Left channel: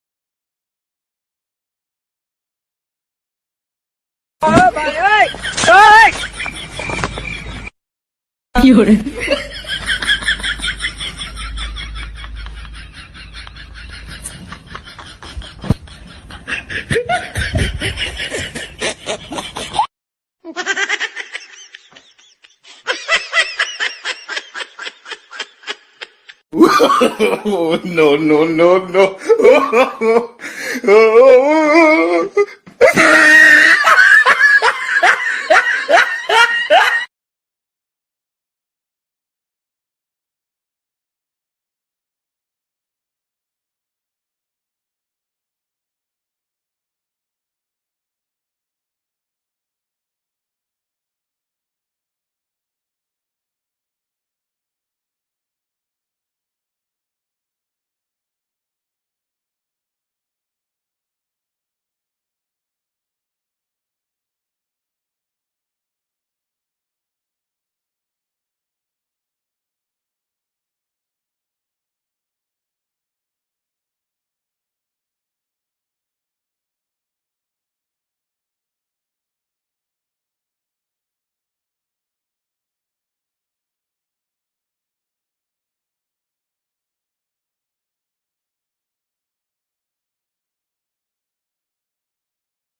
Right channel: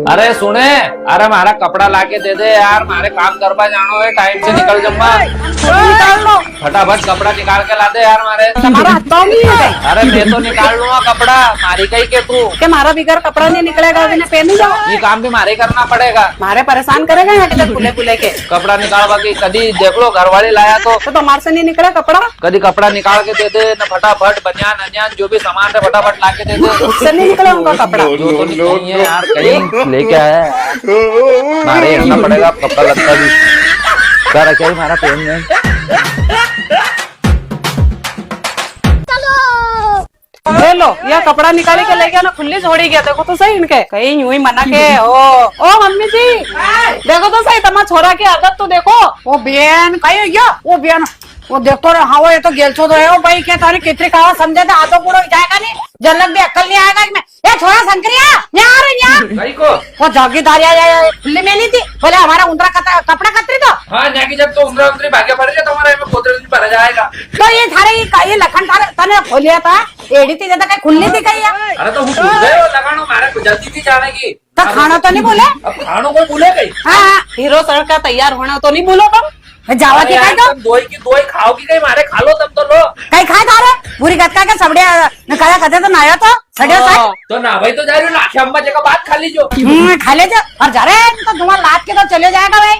अरे सुने, अरे मारा कपड़ा लाके दे दे यार, मारे काम करवा जानो है, टाइम से निकल जाऊंगा। फटाफट कपड़ा निकाल के ला दे यार मारे। तुम्हारा हाथ पाँव नहीं है अरे मैं तो निकाल लूंगा कपड़ा, मारी कहीं के तू। कि मारा बिगर कपड़ा नहीं निकलेगा, अभी पहन नहीं जाओ। ये काम भी मारे करना पड़ेगा। मारे परेशान करेगा यहाँ के खुले खुले के। कपड़ा निकाल बाकी कभी देख लो घर वाले लाया तो तुम्हारे से नहीं निकला कपड़ा। कभी कपड़ा निकाल के दे दे न, फटाफट बनियान अनियान जो भी सामान है फटाफट ला के दे दे। उससे नहीं निकला उनका कपड़ा। नो यार, कहीं लेके आया है। मारे रखना पड़ेगा कपड़ा लगता है। क्या रखे हमारा पेन में। ले लो, यह कपड़ा निकाली के ले गया ना, खुली छोड़ी गया। देखो तो सही इनके कहीं यूं ही मना के। ओ मम्मी जी देखो तो सही, तुम्हारा छोरा की आदत तो देखो। वो बेन कहीं गया वो बेन वो देखो रे। हाँ वो ये तो गेलचो तो है वो भाई क्या तारी कितनी कहा समझे थे आधो पूरा जाएगा नहीं, जलक भी अक्कल नहीं आएगा इसमें। ये छोरा शंकरिया यहाँ आ रहे यहाँ। कहीं को वो जागीरदारी खुली में ली थी, बोले हमारा उंदरा कपड़ा कतरी तो। हाँ जाके जब तो उंगली उंगली भाग्य पड़ गया तुम्हारा में पोतरे दिन भरा जाएगा। तो ये थारे ये लखन थारे तने खोलिया था, एड़ी थी ज्यादा कहीं खुलनी थी कहीं। अरे तो गए लगानो मारे जल्दी थी जाने की। तो खाना तो नहीं बोले। अब खानों को भूले गई। हाँ हीरो सर का तैयार होना तो नहीं भूलो तुम। जावा की खाई तो दो ही खाओगी कहीं मारे खा लो तब तो लो। कहीं खाए थारे पूरी गटका के सबड़े नकाया कहते तो नाया तो सड़िया सा। तो ना भाई तो जा रही हो ना, अम्मा जगह बात खा लीजो। खा ले जा और जा रहे तो धुआं लाद के तो चले जाएगा भाई।